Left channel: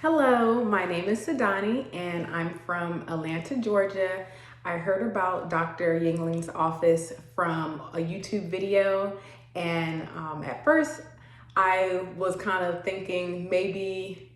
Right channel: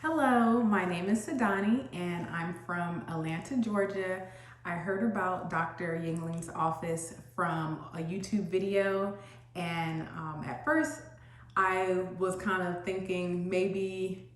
Hello, my name is Sadani and I'm from Atlanta, Georgia. I heard about Dr. Yingling's office from a YouTube video, and at first I was kind of thinking maybe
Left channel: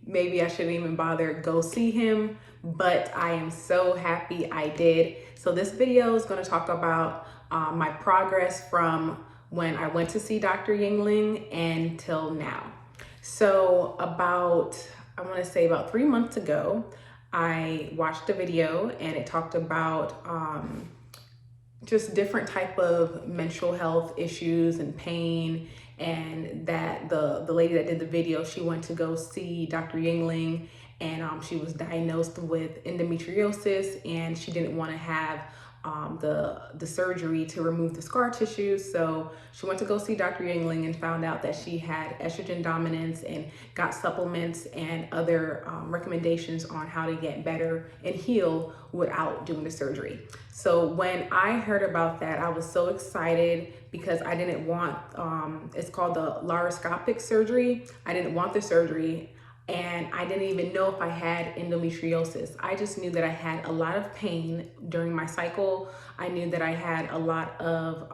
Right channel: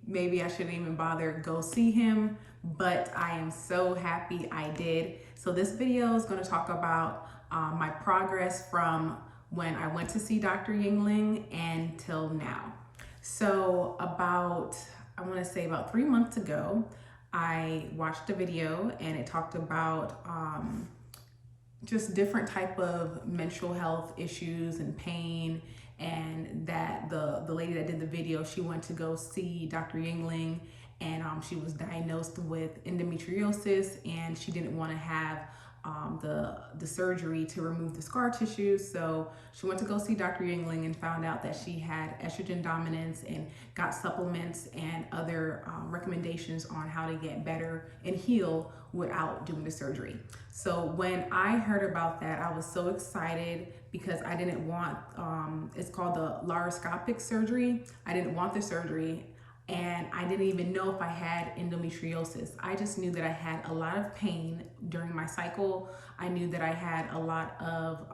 I shouldn't even bother go see him, but I am so happy I did. So this video is going to talk about my progress from when I went to see Dr. Yingling and till now. So I want to say about 3 months ago, I watched a video and it talked about just different type of menstrual health issues and pain, and that the lady that did the video, she went to go see Dr. Yingling, and she was diagnosed with endometriosis, and she didn't want to have the surgery to remove the scar tissue. So she went to go see Dr. Yingling and found out that she had estrogen dominance, and got supplements and other recommendations on how to get better and heal without doing the surgery. So when I heard about that, I was so excited because I didn't want, it's called the laparoscopic surgery. I didn't want the surgery, and I didn't even know if I had endometriosis. I just knew that I had a lot of pain during my cycle. I knew that I had a lot of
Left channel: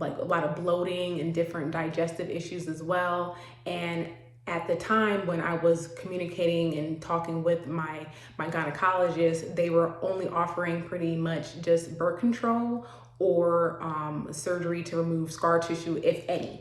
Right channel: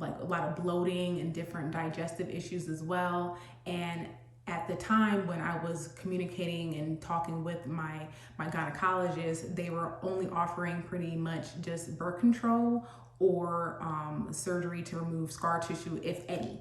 a lot of bloating and different digestive issues as well. And at the time when I was communicating and talking with my gynecologist, they were only offering pretty much just birth control or surgery to remove scar tissue, if any.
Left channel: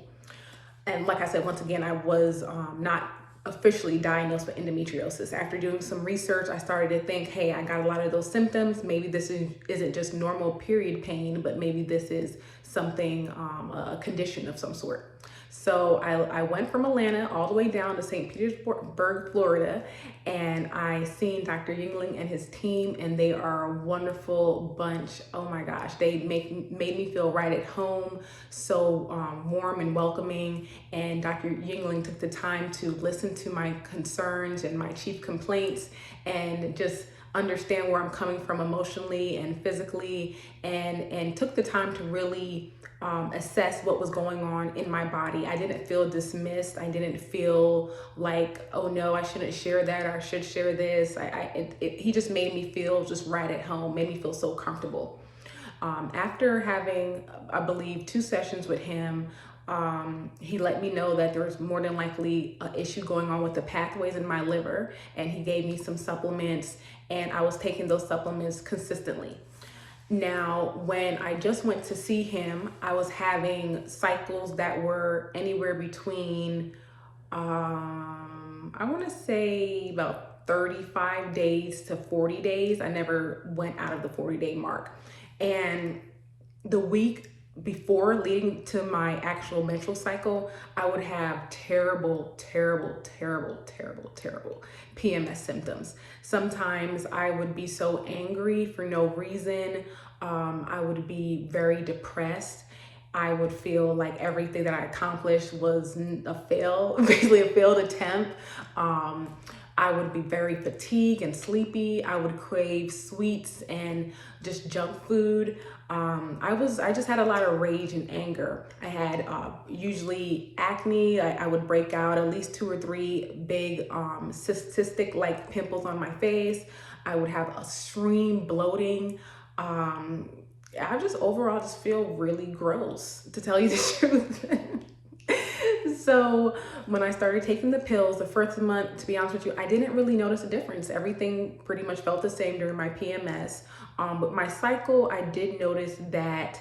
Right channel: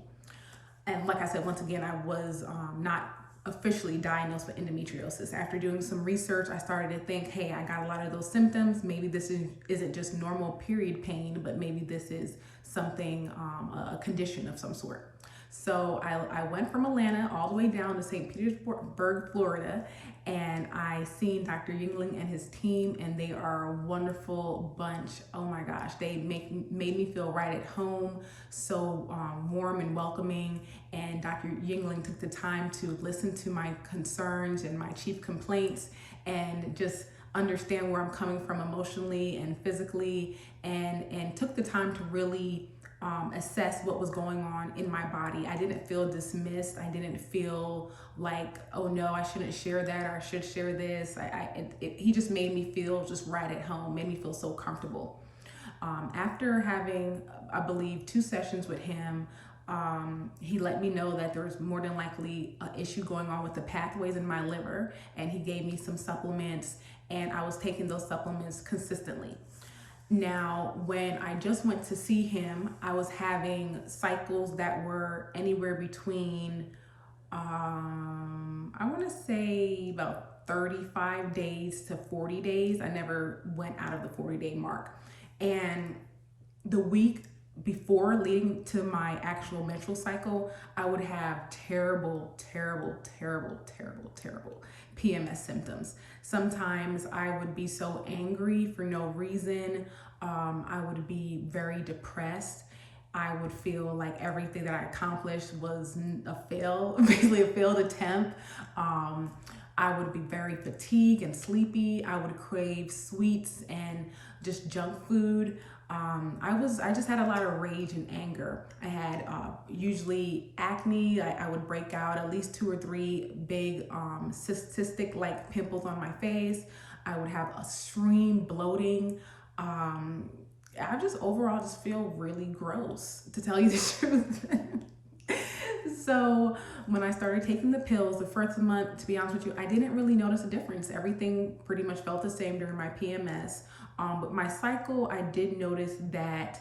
And like I said, once again, I was not officially diagnosed with endometriosis. After doing some research, I started to think, hey, I got a lot of those symptoms. Maybe this isn't just normal period pain, but maybe this is something, a condition of some sort. So I went from Atlanta all the way down to St. Petersburg, Florida, and I seen Dr. Yingling and his team, and they are a wonderful bunch. Oh my gosh, they made me feel right at home, so warm and welcoming. And Dr. Yingling took the time to listen to my concerns and my chief complaints, and just understand where I'm coming from emotionally and physically, and took the time to really assess what was going on in my body. I didn't feel dismissed. I didn't feel like, oh no, I shouldn't share that, or I should share this. He just made me feel just right at home, made me feel so comfortable. After having, I believe, 2 sessions with him, he let me know that there's more than likely an issue going on with the pathways in my liver, and he gave me some supplements, and I was taking those supplements consistently. Now, when I just went to see him, I was having cycles that were anywhere between, I want to say about 35 days to 40 days. I never went out of the 40-day mark. And the week before leading to my actual menstrual cycle, I would have terrible PMS symptoms. Sometimes I would be so angry for no reason. I would be very depressed. I would feel like everything that I accomplished was a fail, basically a failed attempt. I would be very fatigued and sleepy. I would crave sweets and just junk food. I just had a lot of rage and anger. I had usually acne. I would break out at least 2 or 3 big cystic like pimples on my face. I would have extreme bloating. I just overall just feel really gross, to tell you the truth. So when I started taking the pills the first month, to be honest with you, I didn't really notice a difference. Everything pretty much felt the same during my PMS. But my cycle, I did notice that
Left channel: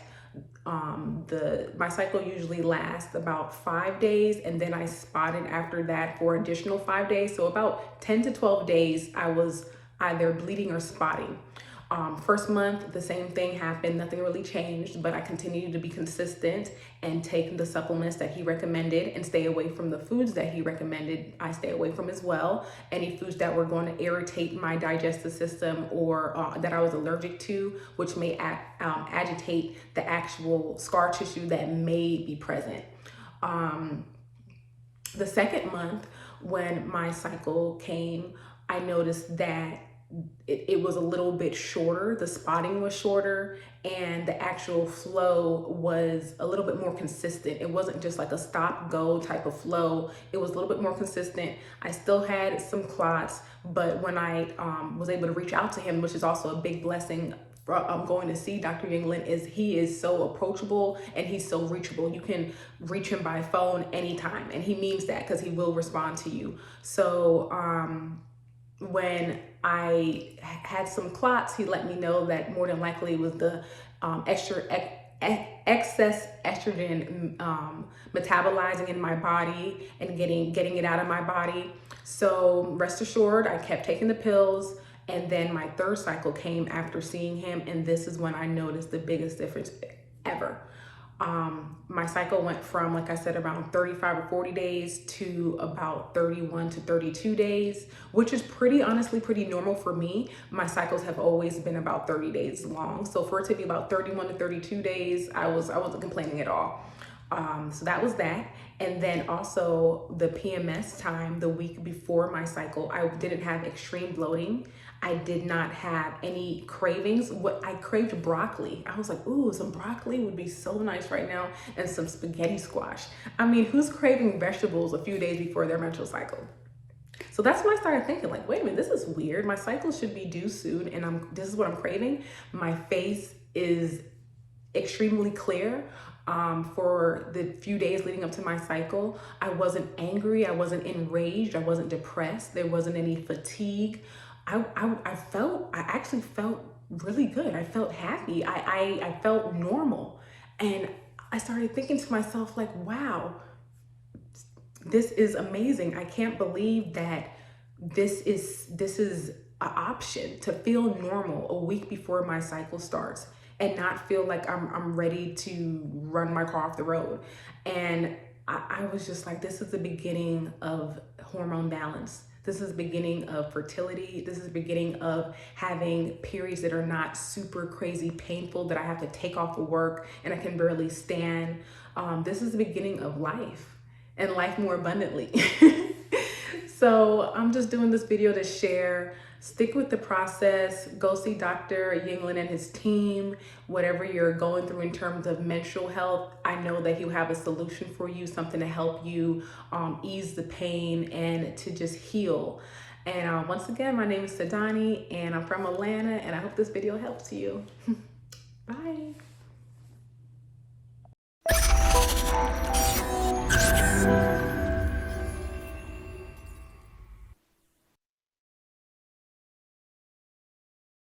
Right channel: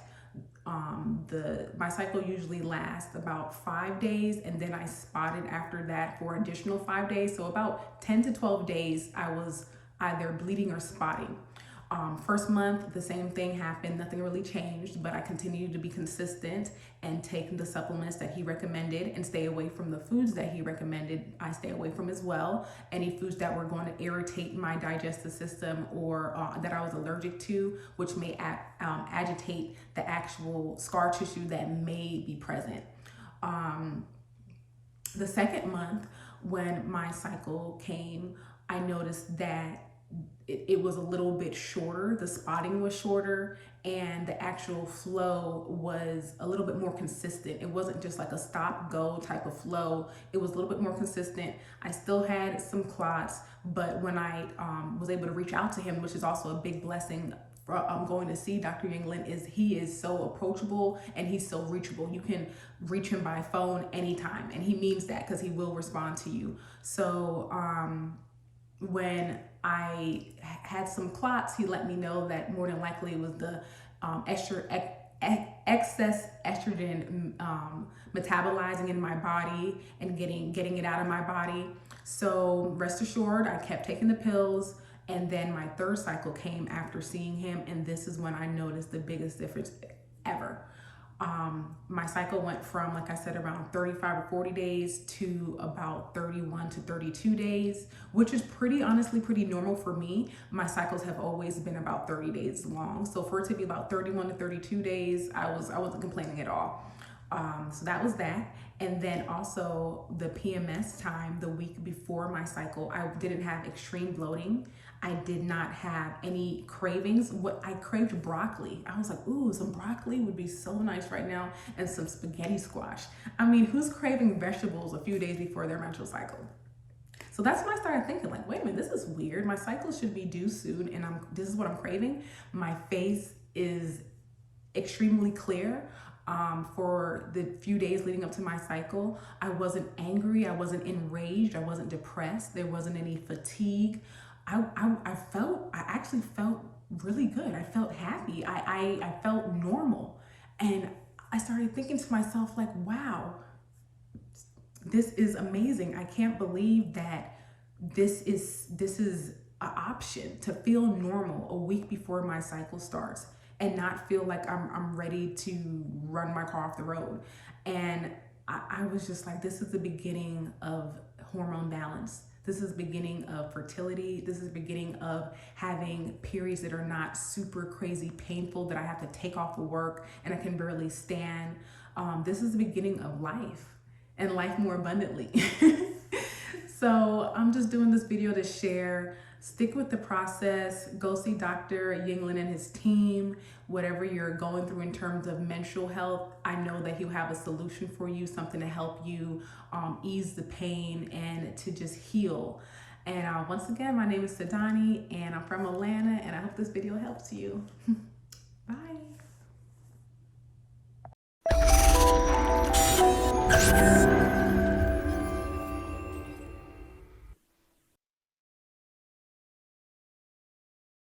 my cycle usually lasts about 5 days, and then I spotted after that for additional 5 days. So about 10 to 12 days, I was either bleeding or spotting. First month, the same thing happened. Nothing really changed, but I continued to be consistent and take the supplements that he recommended and stay away from the foods that he recommended. I stay away from as well. Any foods that were going to irritate my digestive system, or that I was allergic to, which may agitate the actual scar tissue that may be present. The second month, when my cycle came, I noticed that it was a little bit shorter. The spotting was shorter, and the actual flow was a little bit more consistent. It wasn't just like a stop go type of flow. It was a little bit more consistent. I still had some clots, but when I was able to reach out to him, which is also a big blessing, I'm going to see Dr. Yingling, is he is so approachable and he's so reachable. You can reach him by phone anytime, and he means that because he will respond to you. So when I had some clots, he let me know that more than likely it was the excess estrogen metabolizing in my body and getting it out of my body. So rest assured, I kept taking the pills. And then my third cycle came after seeing him, and this is when I noticed the biggest difference ever. My cycle went from, like I said, around 35 or 40 days to about 31 to 32 days, which is honestly pretty normal for me. My cycles have always been about 30 days long. So for it to be about 31 to 32 days, I wasn't complaining at all. So that was that. And then also the PMS time, the week before my cycle, I didn't have extreme bloating. I did not have any cravings. I craved broccoli. I was like, ooh, some broccoli would be so nice right now, and some spaghetti squash. I mean, who's craving vegetables a few days before their menstrual cycle? So that's when I started thinking, like, wait a minute, this is weird. My cycle should be due soon, and this is what I'm craving. My face is extremely clear. For the few days leading up to my cycle, I wasn't angry, I wasn't enraged, I wasn't depressed, there wasn't any fatigue. I actually felt really good. I felt happy. I felt normal. And I started thinking to myself, like, wow, this is amazing. I can't believe that this is an option, to feel normal a week before my cycle starts and not feel like I'm ready to run my car off the road. And I was just like, this is the beginning of hormone balance. This is the beginning of fertility. This is the beginning of having periods that are not super crazy painful, that I have to take off of work and I can barely stand. This is the beginning of life, and life more abundantly. So I'm just doing this video to share. Stick with the process. Go see Dr. Yingling and his team. Whatever you're going through in terms of menstrual health, I know that he'll have a solution for you, something to help you ease the pain and to just heal. And once again, my name is Sadani, and I'm from Atlanta, and I hope this video helps you. Bye.